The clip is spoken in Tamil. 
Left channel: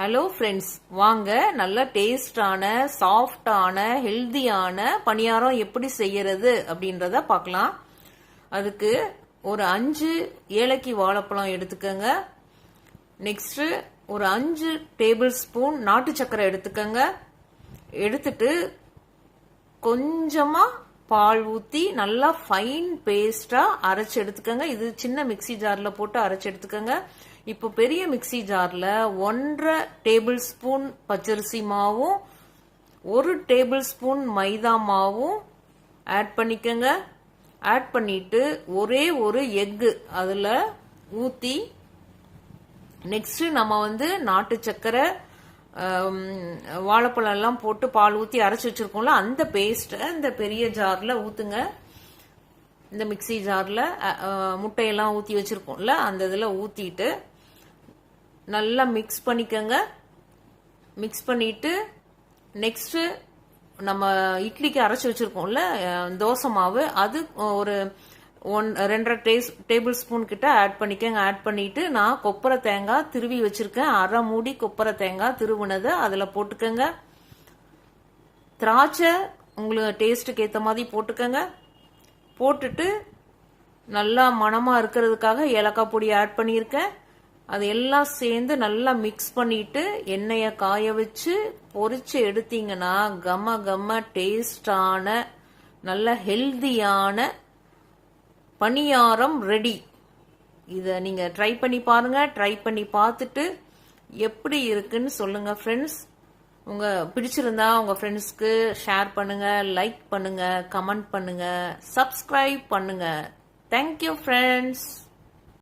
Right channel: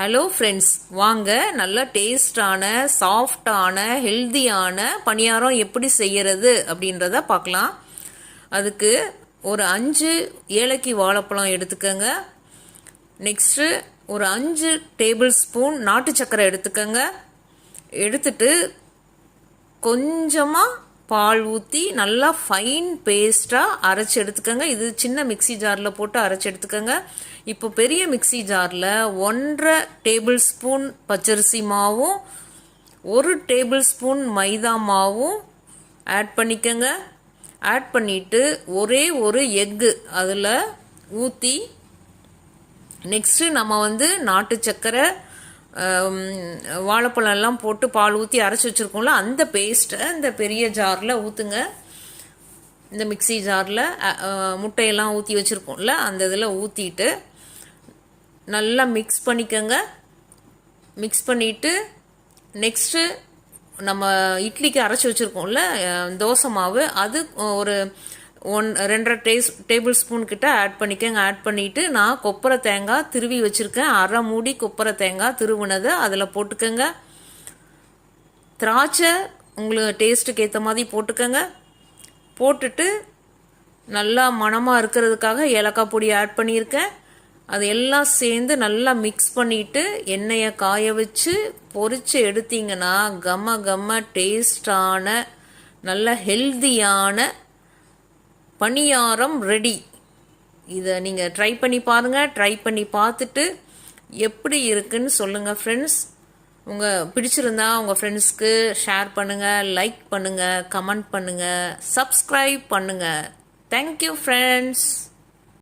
ஹலோ ஃப்ரெண்ட்ஸ் வாங்க நல்ல டேஸ்டான சாஃப்டான ஹெல்தியான பணியாரம் எப்படி செய்யறது அப்படின்றத பார்க்கலாம். அதுக்கு ஒரு அஞ்சு ஏலக்கி வாழைப்பழம் எடுத்துக்கோங்க. நெக்ஸ்ட்டு ஒரு அஞ்சு டேபிள் ஸ்பூன் நாட்டு சக்கரை எடுத்துக்கோங்க. எடுத்துட்டு கொஞ்சமாக பால் ஊற்றி நல்லா ஃபைன் பேஸ்ட்டாக அரைச்சி எடுத்துக்கோங்க. இது சின்ன மிக்ஸி ஜாரில் போட்டு அரைச்சி எடுத்துக்கோங்க. இப்போ பெரிய மிக்ஸி ஜாரில் ஒன்றரை டேபிள் ஸ்பூன் பச்சரிசி மாவும் ஒரு டேபிள் ஸ்பூன் மைதா மாவும் ஆட் பண்ணிக்கோங்க. ஆட் பண்ணிட்டு ஒரே ஒரு எக்கு அதில் ஊற்றி நெக்ஸ்ட்டு நம்ம வந்து நாட்டு சர்க்கரை வாழைப்பழம் எல்லாம் போட்டு பால் ஊற்றி அரைச்சி வச்சுருக்கோம்ல அந்த பேஸ்ட்டை இந்த பெரிய ஜாரில் ஊற்றுங்க இந்த மிக்ஸி ஜாரில் முட்டையெல்லாம் ஊற்றி வச்சுருக்கோம்ல அந்த இதில் ஊற்றிட்டு நல்லா மிக்ஸ் பண்ணிக்கோங்க. மிக்ஸ் பண்ணிவிட்டு நெக்ஸ்ட்டு நம்ம இட்லிக்கு அரைச்சி வச்சுருக்கோம்ல தோசை மாவு. அது ஒரு ஒன் ரெண்டரை டேஸ் டேபிள் ஸ்பூன் கிட்ட ஆட் பண்ணிக்கோங்க. ஆட் பண்ணிவிட்டு நான் கொப்பரை தேங்காய் திருவி வச்சுருக்கேன். அரை மூடி கொப்பரை தேங்காய் திருவுனதை அதில் போட்டுக்கோங்க. திராட்சை உங்களுக்கு டேஸ்ட்டுக்கு ஏற்ற மாதிரி போட்டுக்கோங்க. போட்டுட்டு நல்லா மணமாக இருக்கிறதுக்காக ஏலக்காய் பொடி ஆட் பண்ணியிருக்கேன். அது எல்லாம் சேர்ந்து நல்லா மிக்ஸ் பண்ணிட்டு எண்ணெயை காய வச்சு பொறிச்சு எடுத்தீங்கன்னா கம கம டேஸ்டான நல்ல ஹெல்தியான பணியாரம் ரெடி இதை நீங்கள் ட்ரை பண்ணி பாருங்கள் ட்ரை பண்ணி பார்த்துட்டு எப்படி இருக்குன்னு சொல்லுங்கள் ஃப்ரெண்ட்ஸ் உங்கள் பிடிச்சிருந்தா உங்கள் ஃப்ரெண்ட்ஸ்க்கு ஷேர் பண்ணுங்கள் லைக் பண்ணுங்கள் கமெண்ட் பண்ணுங்கள் சப்ஸ்கிரைப் பண்ணுங்கள் தேங்க்யூ ஃப்ரெண்ட்ஸ்